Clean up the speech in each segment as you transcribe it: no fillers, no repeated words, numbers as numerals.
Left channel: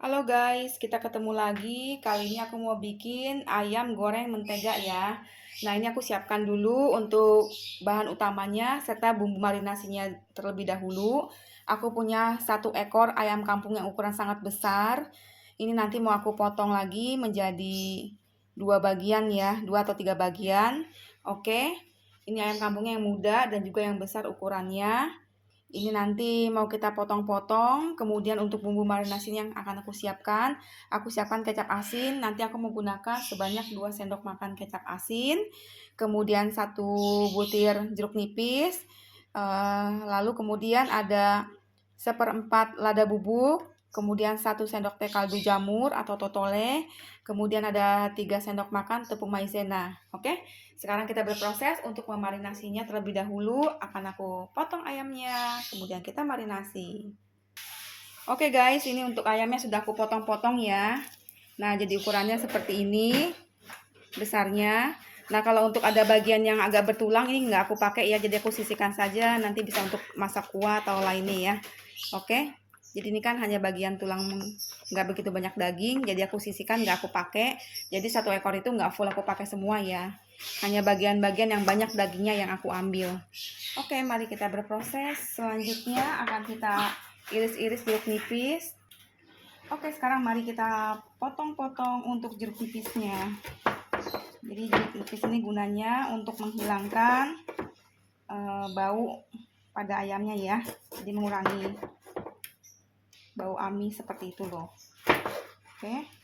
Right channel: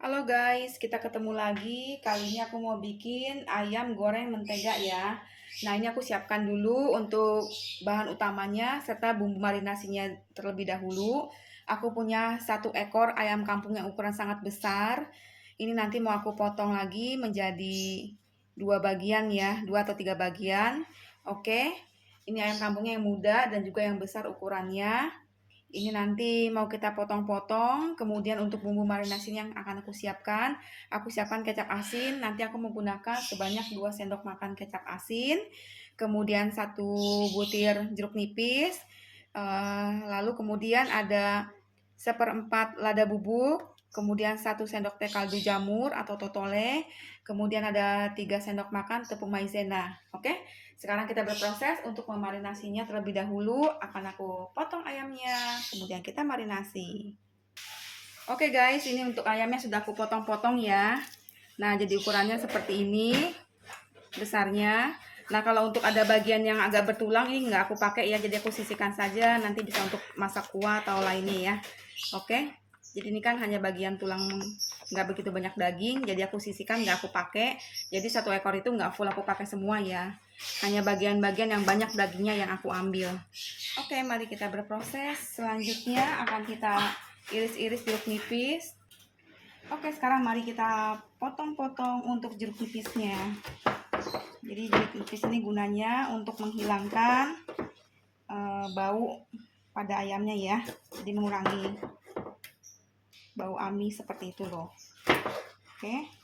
Halo guys, kita ketemu lagi. Kali ini aku mau bikin ayam goreng mentega ya. Nah, ini aku siapkan dulu untuk bahan utamanya serta bumbu marinasinya terlebih dahulu. Aku punya 1 ekor ayam kampung yang ukuran sangat besar. Ini nanti mau aku potong lagi menjadi 2 bagian ya, 2 atau 3 bagian. Oke, ini ayam kampungnya yang muda dan juga yang besar ukurannya. Ini nanti mau kita potong-potong, kemudian untuk bumbu marinasi yang akan aku siapkan kecap asin, nanti aku menggunakan sebanyak 2 sendok makan kecap asin, kemudian 1 butir jeruk nipis, lalu kemudian ada 1/4 lada bubuk, kemudian 1 sendok teh kaldu jamur atau totole, kemudian ada 3 sendok makan tepung maizena. Oke, sekarang kita berproses untuk memarinasinya terlebih dahulu. Akan aku potong ayamnya, kemudian kita marinasi. Oke guys, ini untuk ayamnya sudah aku potong-potong ya. Nah, jadi ukurannya seperti ini besarnya. Nah, kalau untuk ada bagian yang agak bertulang ini nggak aku pakai ya, jadi aku sisihkan saja, nanti bisa untuk masak kuah atau lainnya ya. Oke, jadi ini kan hanya bagian tulang, nggak begitu banyak daging, jadi aku sisihkan, nggak aku pakai. Jadi 1 ekor itu nggak full aku pakai semua ya, hanya bagian-bagian yang banyak dagingnya yang aku ambil. Oke, mari kita berproses. Selanjutnya akan kita iris-iris jeruk nipis. Oke, sekarang mari kita potong-potong untuk jeruk nipisnya. Jadi jeruk nipis ini gunanya untuk menghilangkan bau pada ayamnya ya. Jadi mengurangi bau amis seperti itu loh. Oke.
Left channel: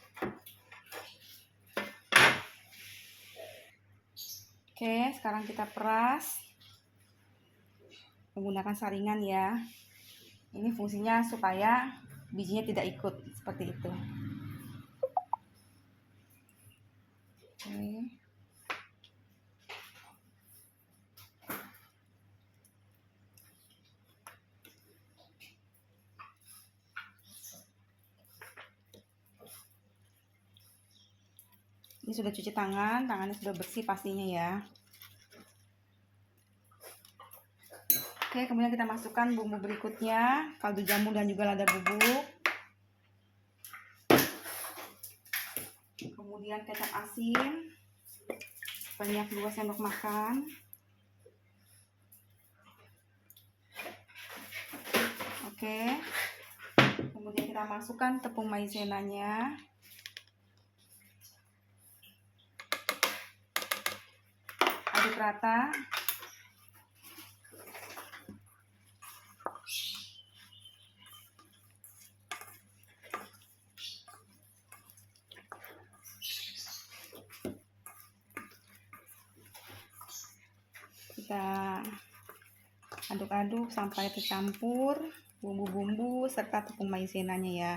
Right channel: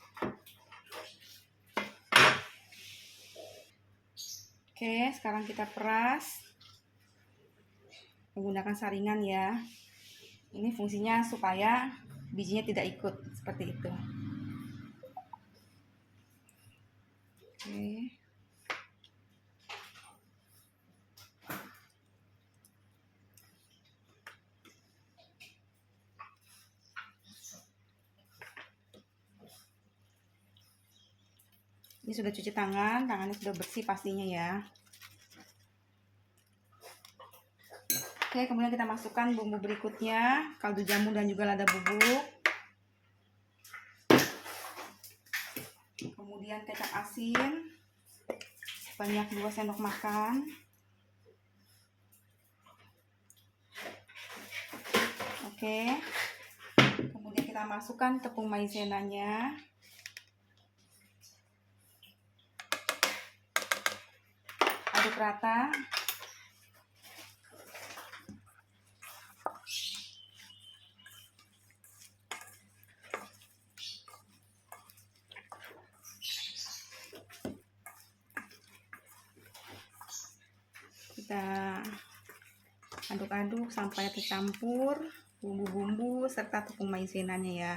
Oke, sekarang kita peras menggunakan saringan ya. Ini fungsinya supaya bijinya tidak ikut seperti itu. Oke. Ini sudah cuci tangan, tangannya sudah bersih pastinya ya. Oke, kemudian kita masukkan bumbu berikutnya, kaldu jamur dan juga lada bubuk. Kemudian kecap asin sebanyak 2 sendok makan. Oke. Kemudian kita masukkan tepung maizenanya. Aduk rata. Kita aduk-aduk sampai tercampur bumbu-bumbu serta tepung maizenanya ya.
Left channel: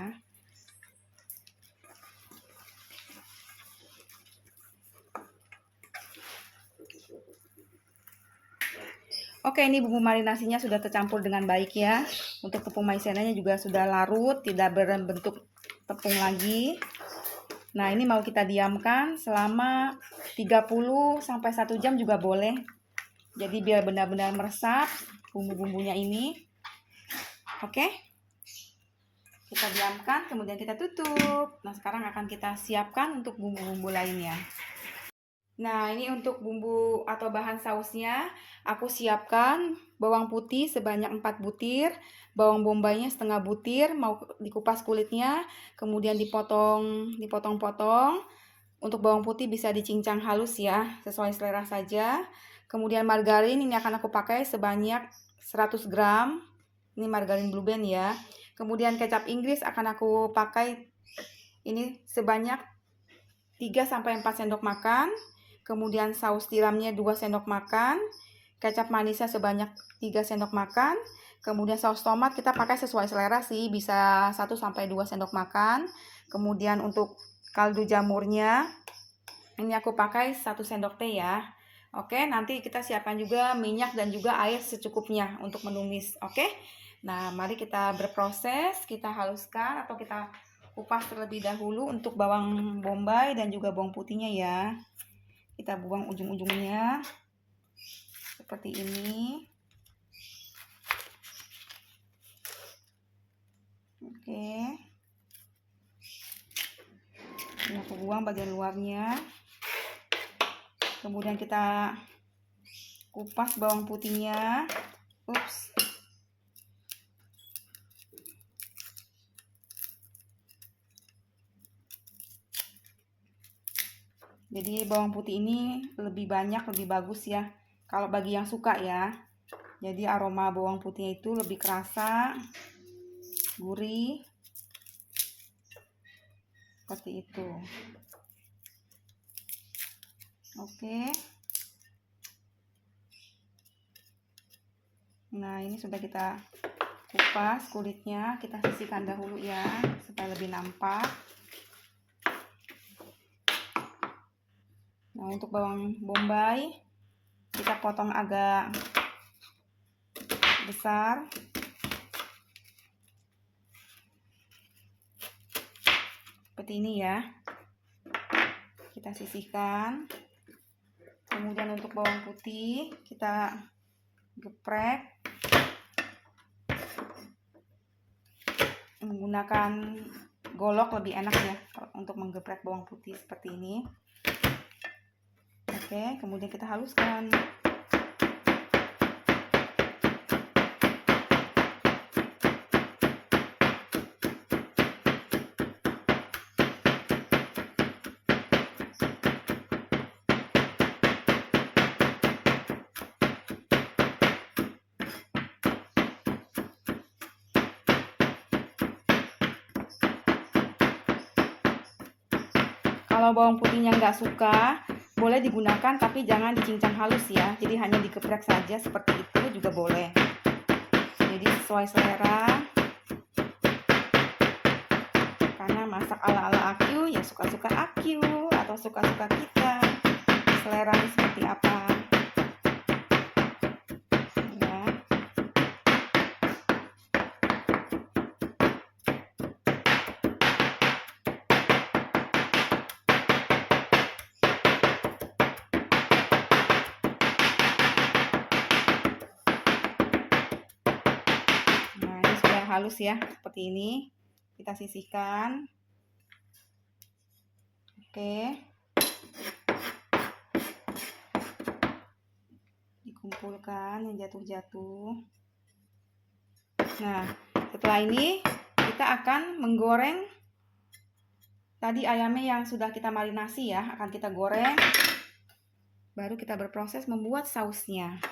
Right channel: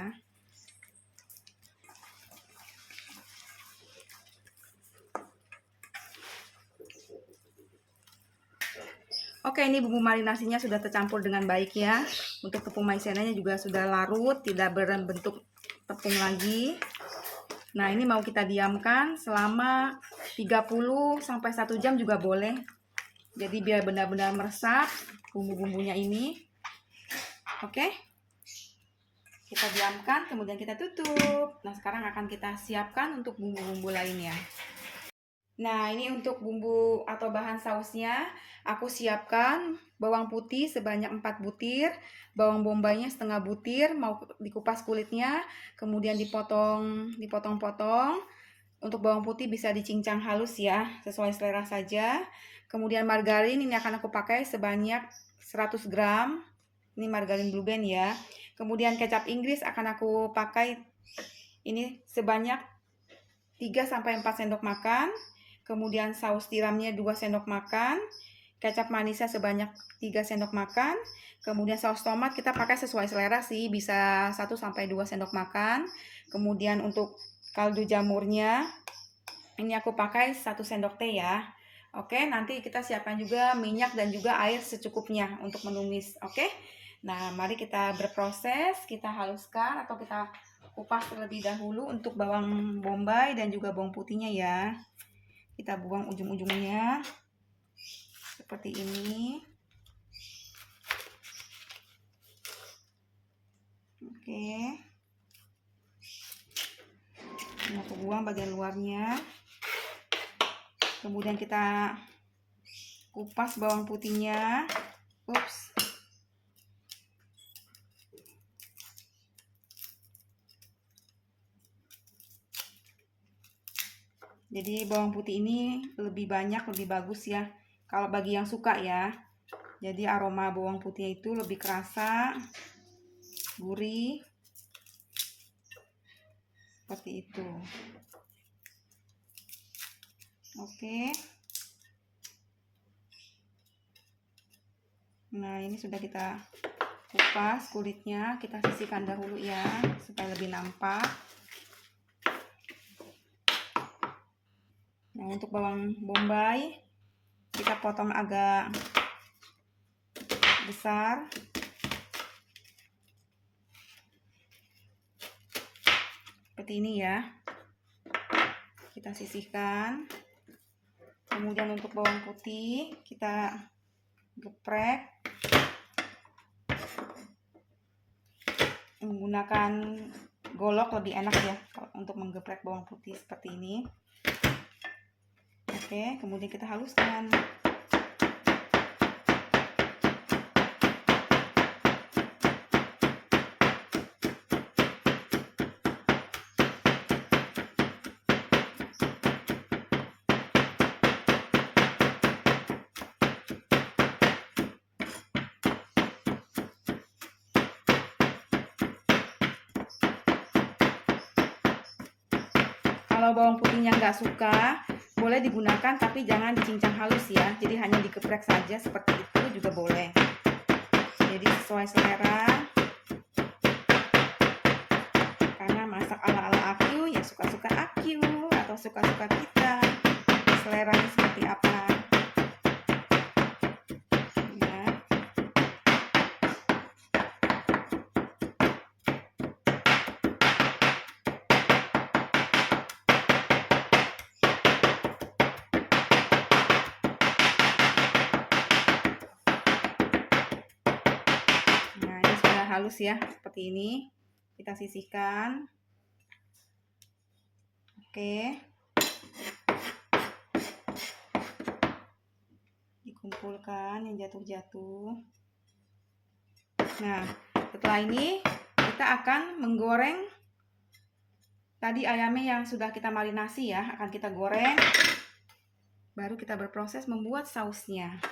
Oke, ini bumbu marinasinya sudah tercampur dengan baik ya. Untuk tepung maizenanya juga sudah larut, tidak berbentuk tepung lagi. Nah, ini mau kita diamkan selama 30 sampai 1 jam juga boleh. Jadi biar benar-benar meresap bumbu-bumbunya ini. Oke. Kita diamkan, kemudian kita tutup. Nah, sekarang akan kita siapkan untuk bumbu-bumbu lainnya. Nah, ini untuk bumbu atau bahan sausnya, aku siapkan bawang putih sebanyak 4 butir, bawang bombaynya setengah butir, mau dikupas kulitnya, kemudian dipotong-potong. Untuk bawang putih bisa dicincang halus ya, sesuai selera saja. Kemudian margarin ini akan aku pakai sebanyak 100 gram. Ini margarin Blue Band ya. Kemudian kecap Inggris akan aku pakai ini sebanyak 3 sampai 4 sendok makan. Kemudian saus tiramnya 2 sendok makan. Kecap manisnya sebanyak 3 sendok makan. Kemudian saus tomat kita pakai sesuai selera sih, bisa 1 sampai 2 sendok makan. Kemudian untuk kaldu jamurnya ini aku pakai 1 sendok teh ya. Oke, nanti kita siapkan juga minyak dan juga air secukupnya untuk menumis. Oke. Nah, mari kita berproses, kita haluskan atau kita kupas terlebih dahulu untuk bawang bombay dan juga bawang putihnya ya. Kita buang ujung-ujungnya seperti ini. Oke. Ini aku buang bagian luarnya. Kemudian kita kupas bawang putihnya. Ups. Jadi bawang putih ini lebih banyak, lebih bagus ya. Kalau bagi yang suka ya. Jadi aroma bawang putihnya itu lebih kerasa, gurih. Seperti itu. Oke. Nah, ini sudah kita kupas kulitnya, kita sisihkan dahulu ya, supaya lebih nampak. Nah, untuk bawang bombay kita potong agak besar. Seperti ini ya. Kita sisihkan. Kemudian untuk bawang putih kita geprek menggunakan golok, lebih enak ya untuk menggeprek bawang putih seperti ini. Oke, kemudian kita haluskan. Kalau bawang putihnya nggak suka, boleh digunakan tapi jangan dicincang halus ya. Jadi hanya digeprek saja seperti itu juga boleh. Jadi sesuai selera. Karena masak ala-ala Akyu ya suka-suka Akyu atau suka-suka kita. Seleranya seperti apa. Ya. Halus ya, seperti ini. Kita sisihkan. Oke. Dikumpulkan yang jatuh-jatuh. Nah, setelah ini kita akan menggoreng tadi ayamnya yang sudah kita marinasi ya, akan kita goreng. Baru kita berproses membuat sausnya.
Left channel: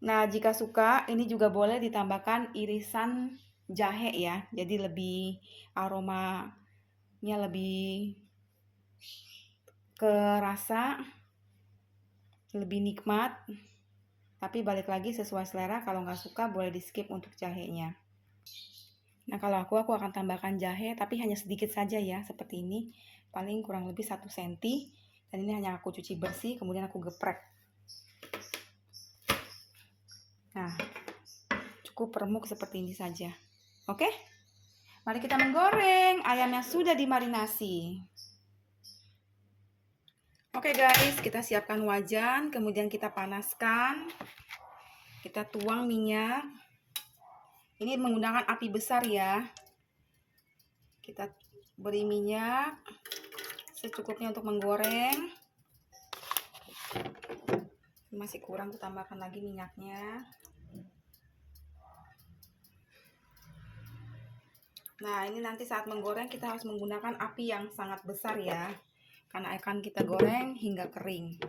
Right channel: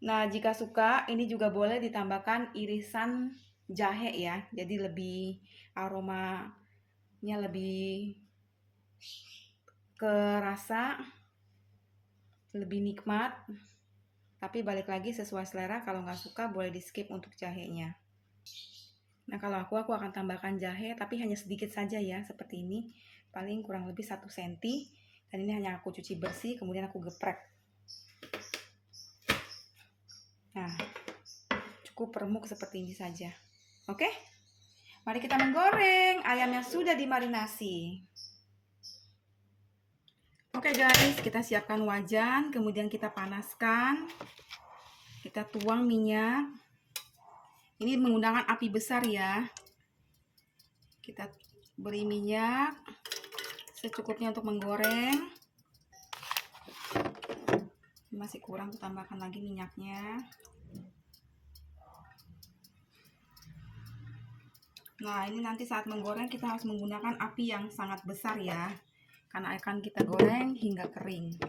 Nah, jika suka, ini juga boleh ditambahkan irisan jahe ya. Jadi lebih aromanya lebih kerasa, lebih nikmat. Tapi balik lagi sesuai selera, kalau nggak suka boleh di skip untuk jahenya. Nah, kalau aku akan tambahkan jahe, tapi hanya sedikit saja ya, seperti ini. Paling kurang lebih 1 cm. Dan ini hanya aku cuci bersih, kemudian aku geprek. Nah, cukup remuk seperti ini saja. Oke? Mari kita menggoreng ayam yang sudah dimarinasi. Oke guys, kita siapkan wajan, kemudian kita panaskan. Kita tuang minyak. Ini menggunakan api besar ya. Kita beri minyak secukupnya untuk menggoreng. Masih kurang, kita tambahkan lagi minyaknya. Nah, ini nanti saat menggoreng kita harus menggunakan api yang sangat besar ya, karena akan kita goreng hingga kering.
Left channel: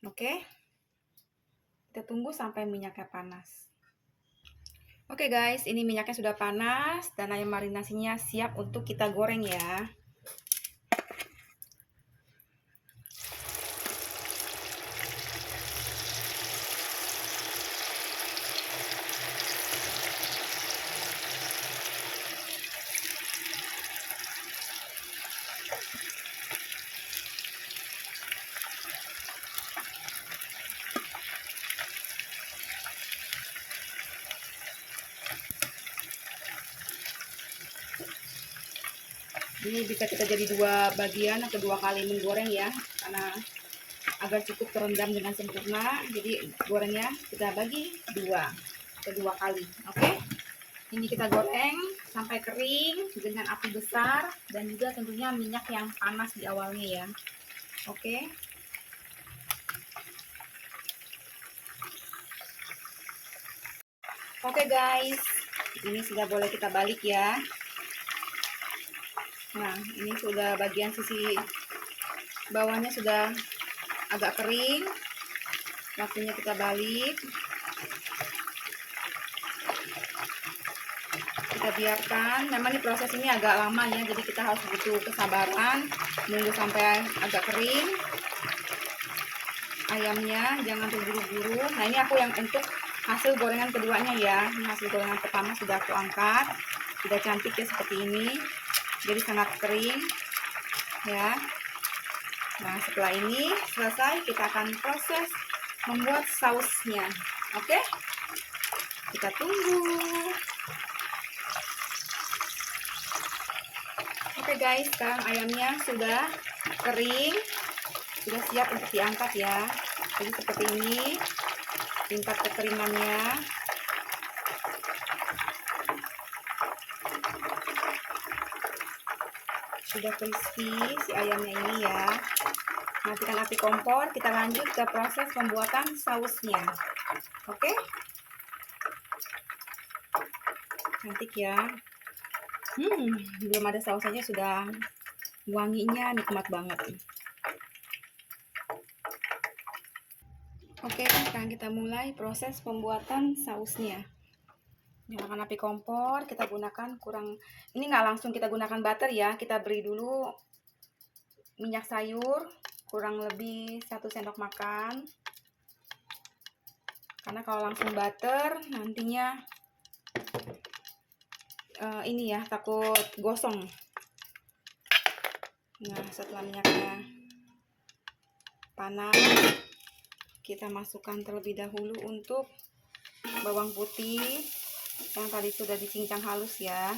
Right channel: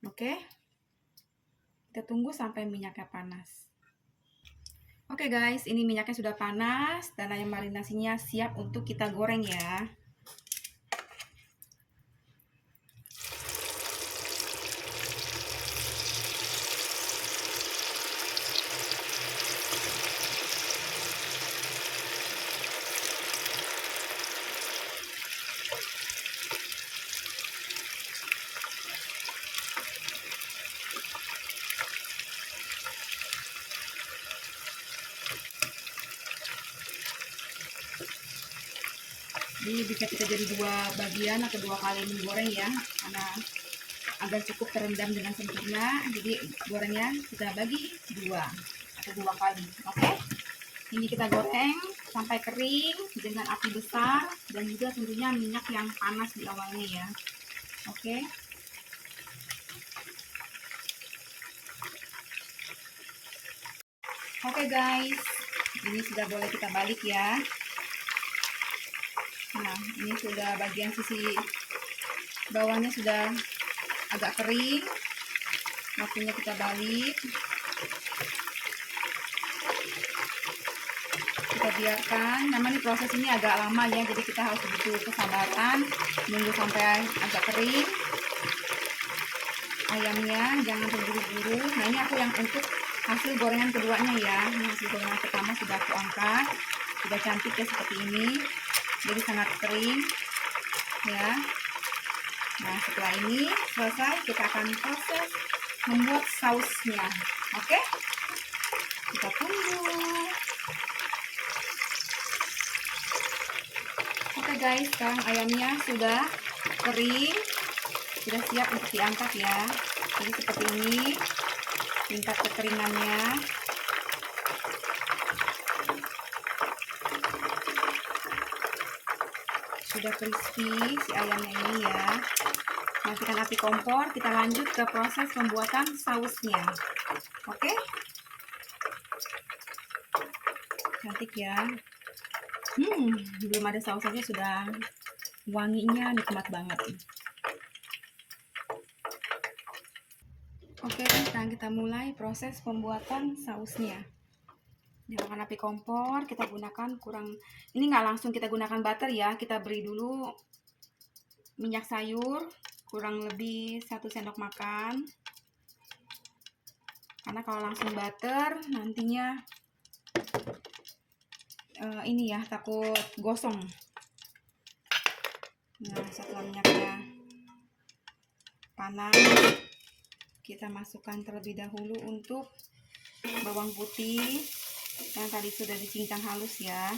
Oke, kita tunggu sampai minyaknya panas. Oke guys, ini minyaknya sudah panas dan ayam marinasinya siap untuk kita goreng ya. Ini bisa kita jadi 2 bagian atau 2 kali menggoreng ya, karena agar cukup terendam dengan sempurna. Jadi gorengnya kita bagi 2 atau 2 kali. Oke, ini kita goreng sampai kering dengan api besar dan juga tentunya minyak yang panas di awalnya ya. Oke. Oke guys, ini sudah boleh kita balik ya. Nah, ini sudah bagian sisi bawahnya sudah agak kering. Waktunya kita balik. Kita biarkan, memang proses ini agak lama ya, jadi kita harus butuh kesabaran nunggu sampai agak kering ayamnya, jangan terburu-buru. Nah, ini aku yang untuk hasil gorengan keduanya ya. Ini hasil gorengan pertama sudah aku angkat, sudah cantik ya seperti ini, jadi sangat kering ya. Nah, setelah ini selesai, kita akan proses membuat sausnya. Oke, kita tunggu. Oke guys, sekarang ayamnya sudah kering, sudah siap untuk diangkat ya. Jadi seperti ini tingkat kekeringannya. Sudah crispy si ayamnya ini ya. Matikan api kompor, kita lanjut ke proses pembuatan sausnya. Oke, cantik ya. Belum ada saus saja sudah wanginya nikmat banget. Oke, sekarang kita mulai proses pembuatan sausnya. Nyalakan api kompor, kita gunakan ini nggak langsung kita gunakan butter ya, kita beri dulu minyak sayur kurang lebih 1 sendok makan, karena kalau langsung butter nantinya ini ya, takut gosong. Nah, setelah minyaknya panas, kita masukkan terlebih dahulu untuk bawang putih yang tadi sudah dicincang halus ya.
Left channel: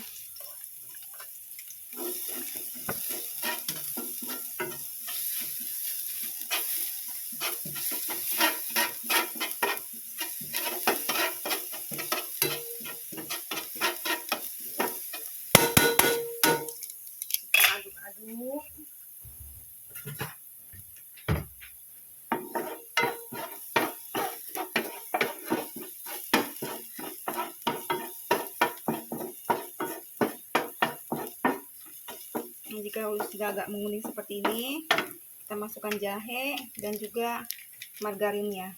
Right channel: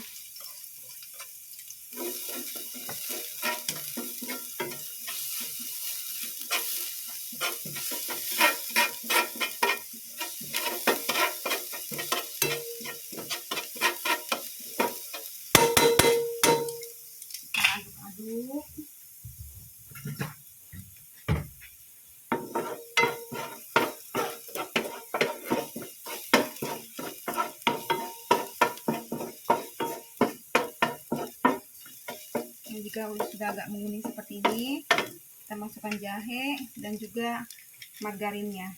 Kita aduk-aduk. Jika sudah agak menguning seperti ini, kita masukkan jahe dan juga margarinnya.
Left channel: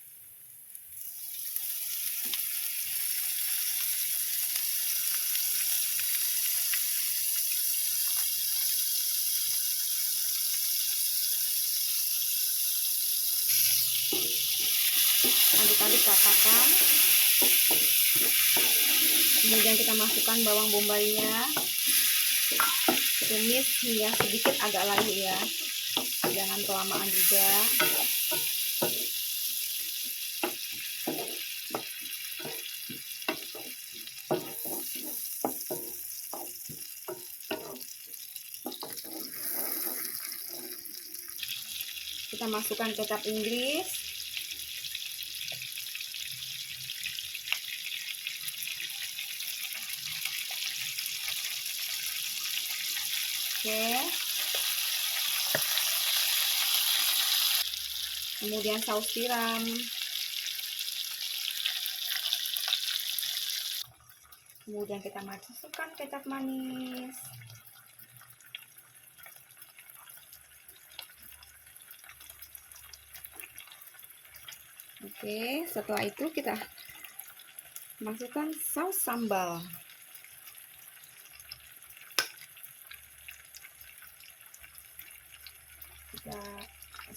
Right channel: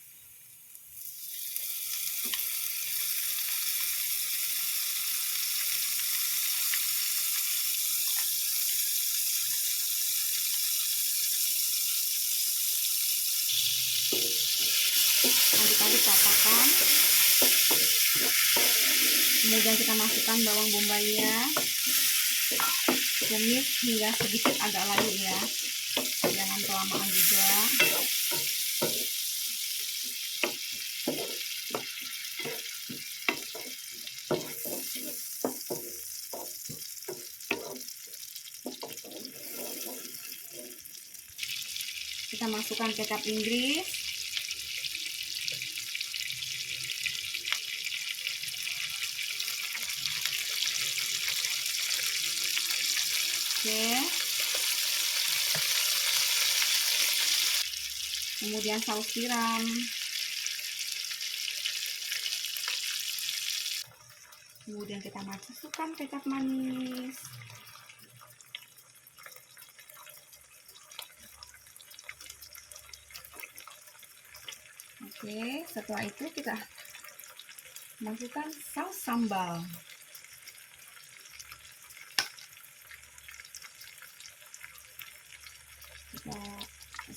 Aduk-aduk ratakan. Kemudian kita masukkan bawang bombaynya, tumis hingga sedikit agak layu ya, jangan kelamaan juga. Kita masukkan kecap Inggris, oke. Kemudian saus tiram, kemudian kita masukkan kecap manis. Oke, setelah itu kita masukkan saus sambal.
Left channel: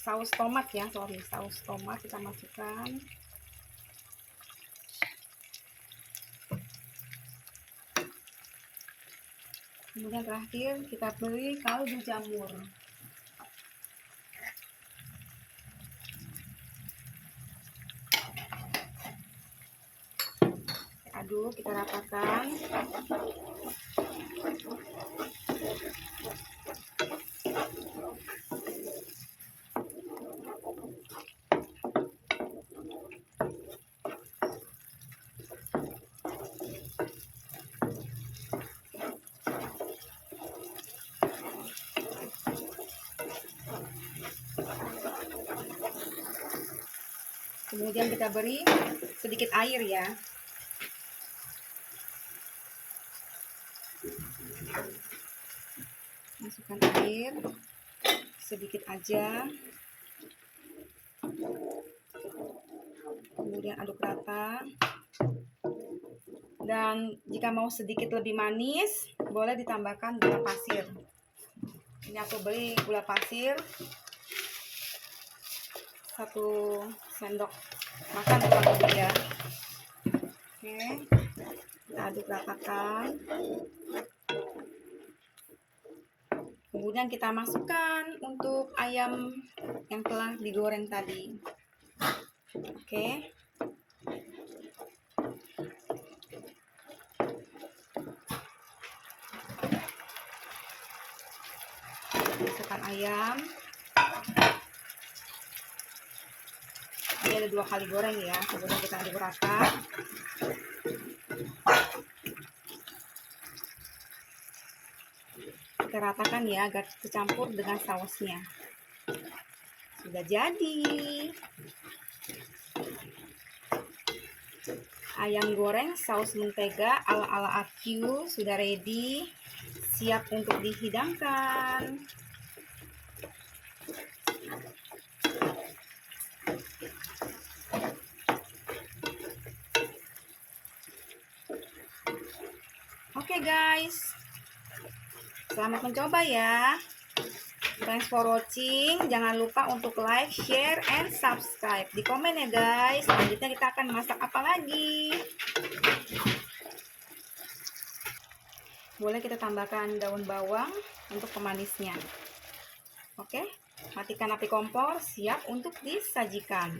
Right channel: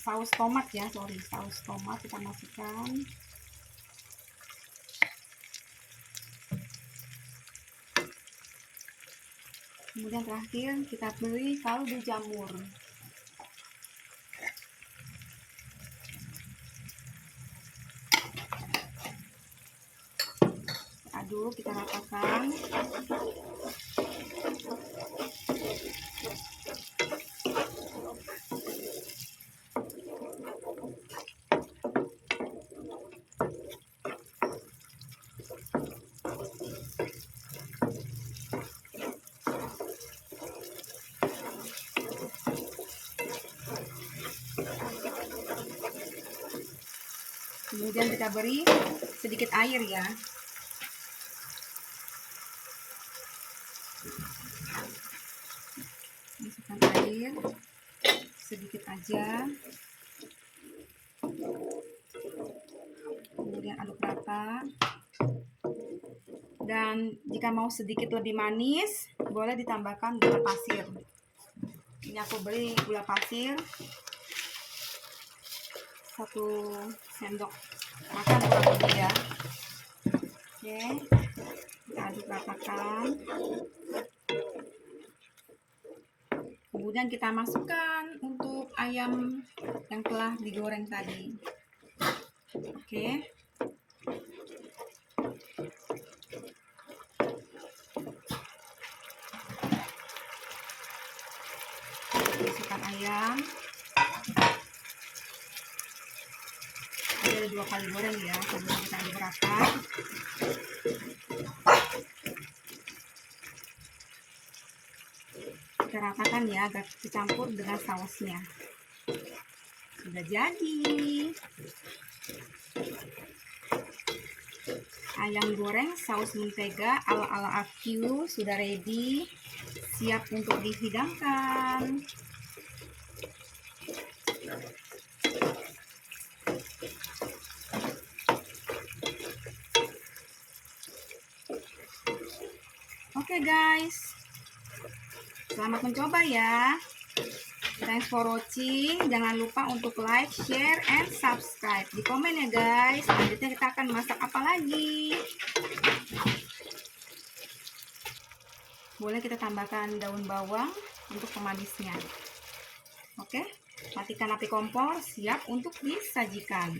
Saus tomat ya, saus tomat kita masukkan. Kemudian terakhir kita beri kaldu jamur. Aduk, kita ratakan. Kemudian kita beri sedikit air ya. Masukkan air sedikit aja. Kemudian aduk rata. Dan jika mau sedikit lebih manis, boleh ditambahkan gula pasir. Ini aku beli gula pasir 1 sendok makan kurang lebih ya. Oke, kita aduk ratakan. Kemudian kita masukkan untuk ayam yang telah digoreng tadi. Oke. Masukkan ayam. Ini ada 2 kali goreng ya. Kemudian kita aduk rata. Kita ratakan ya agar tercampur dengan sausnya. Sudah jadi. Ayam goreng saus mentega ala-ala Aku sudah ready, siap untuk dihidangkan. Oke guys, selamat mencoba ya. Thanks for watching. Jangan lupa untuk like, share, and subscribe. Di komen ya guys. Selanjutnya kita akan masak apa lagi. Boleh kita tambahkan daun bawang untuk pemanisnya. Oke, matikan api kompor, siap untuk disajikan.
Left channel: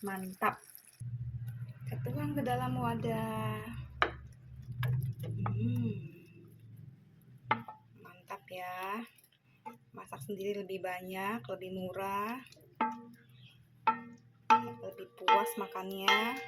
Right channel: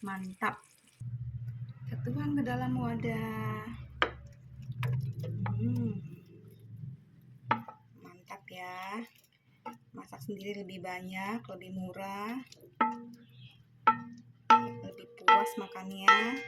Mantap. Kita tuang ke dalam wadah. Mantap ya. Masak sendiri lebih banyak, lebih murah, lebih puas makannya.